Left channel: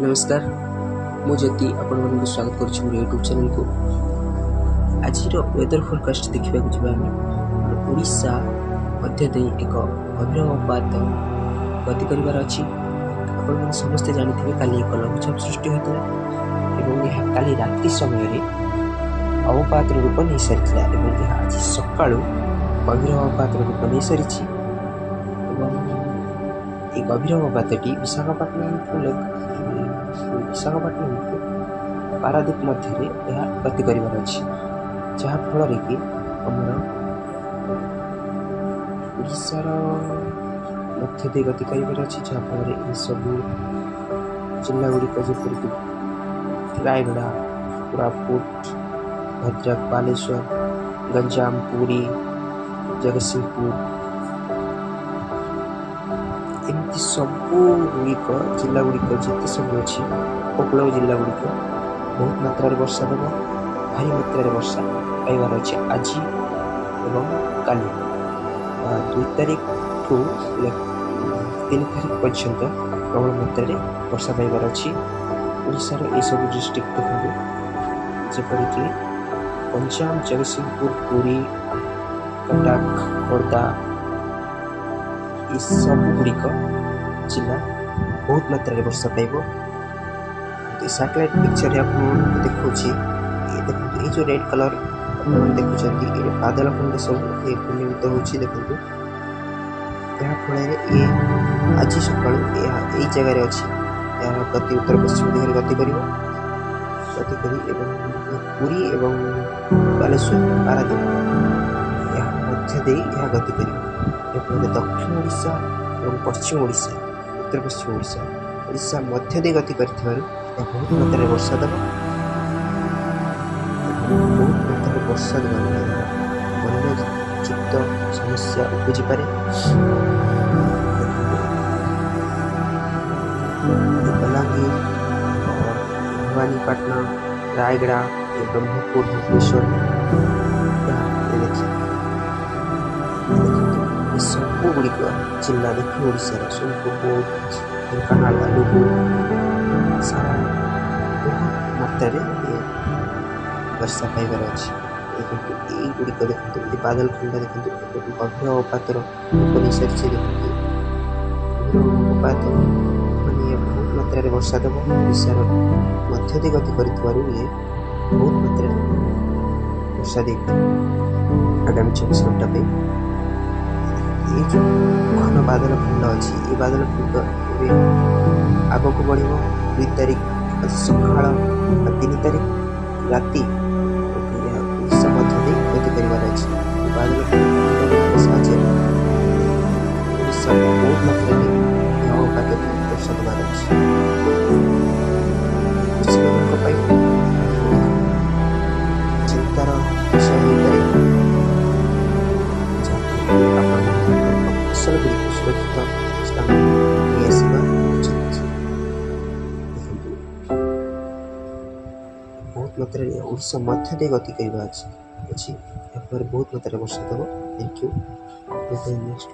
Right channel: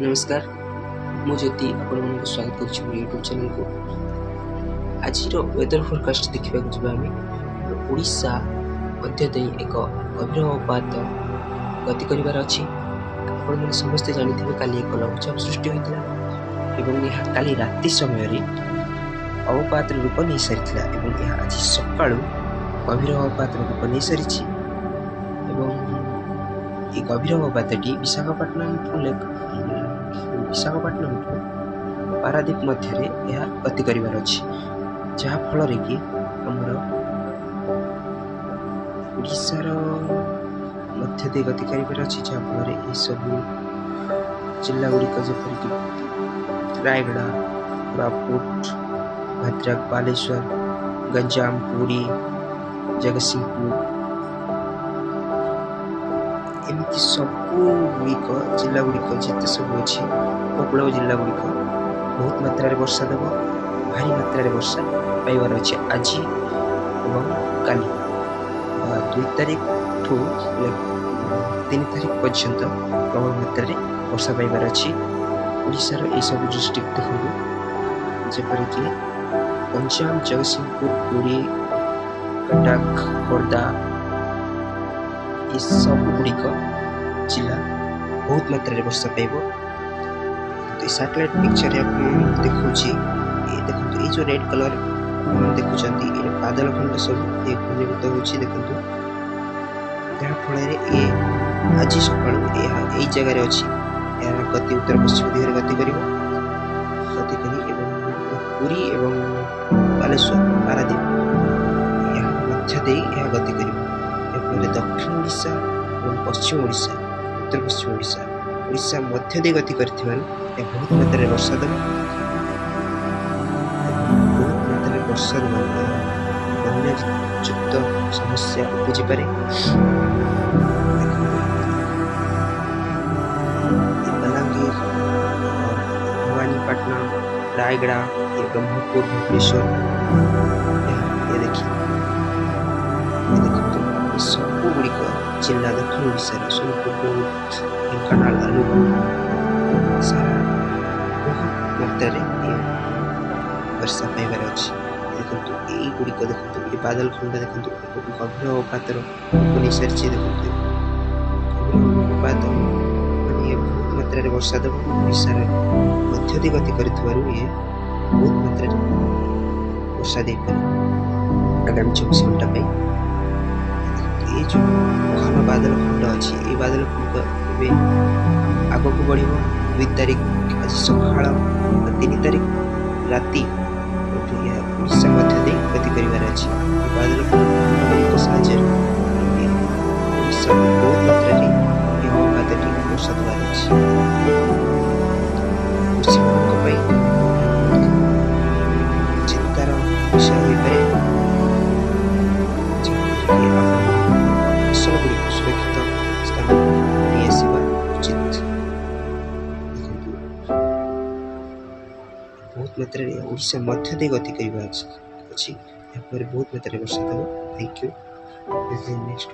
नमस्कार मु ज्योति आपण मानक स्वागत करुच्ची मोर यूट्यूब चैनल को। आज वेदर फोरकास्ट देखा आम ओडिशा मध्य दे एक गभीर अवपात गति कर आपण मैंने समस्ते जानी काली एक लघुचाप सृष्टि होता है काली राति समय अवपात रूप नहीं सारी आज सका गभीर अवपात रूप नहीं सारी। ये गभीर अवपातटी विशाखापट्टनम पारादीप मध्य गति कर जहाँफल कि आमर ओडिशार मध्य दे गति कर जहाँफल ये सब जिला गुड़िक जपरिक रायगड़ा, कोरापुट, भद्रक, बालेश्वर, गंजाम, पुरी, जगतसिंहपुर एमती सबू गुड़िक जिला गुड़िक जिते सब अच्छी उपकूल जिला गुड़िक बहुत मात्रा वर्षा देव भारी मात्रा वर्षा पाइबार अच्छे आज एवं काली 2 तारिख ठू 3 तारिख पर्यंत प्रबल मात्रा वर्षा पाइबार अच्छी। ओडिशार ये सब डिस्ट्रिक्ट देखो जपरिक गंजाम, जगतसिंहपुर, पुरी, कटक, खोर्धा ये सब गुड़िक जिला बहुत मात्रा वर्षा पाइब। तो सैटेलाइट पिक्चर आप देखा देखो ये जो रेड कलर देखुं ये बादल खंड सब ये घूर्णीभूत होची देखंतु जहाँफल ये आज सका यही जगार अच्छी यार गति उत्तर पश्चिम दिगरे गति करी पुरी एवं बालेश्वर पारादीप या मध्य दे यह गति कर दक्षिण ओडिशा और पश्चिम ओडिशा उत्तर पश्चिम ओडिशा मध्य दे गति कर बहुत मात्रा वर्षा देव बहुत मात्रा वर्षा बन्यायुक्त समस्या उपजी पारे। बलांगीर और भवानीपाटना, रायगड़ा, ये ब्रह्मपुर, भुवनेश्वर ये देखिए देखो सब गुड़िक जिला दक्षिण ओडिशार सोनपुर, ढेंकानाल, अनुगुल सारा बहुत मात्रा ये वर्षा पाइबार अच्छे। देखो ये गुड़िक देखो ये बादल खंड देखो गभीर अवपातर रूप नहीं सारी देखो गभीर अवपात माने बहुत मात्रा वर्षा देव ओडिशार मध्य दे गति कर ये बहुत मात्रा वर्षा दे आगामी 24 घंटा ये जो घन बादल खंड अच्छी ये बादल खंड आग को बढ़ 2 तारिख आज सका 3 तारिख राति ओडिशा मध्य दे गति कर बादल खंड साहय ओडिशा बहुत मात्रा अवपात वर्षा देवार अच्छे। कृषि मान चिंतार विषय हो पाए फसल गुड़िक सुरक्षित स्थान नहीं आसवा उचित। बहुत मात्रा ओडिशा मध्य दे गति करवा अच्छी बहुत मात्रा वर्षा देव। Thank you next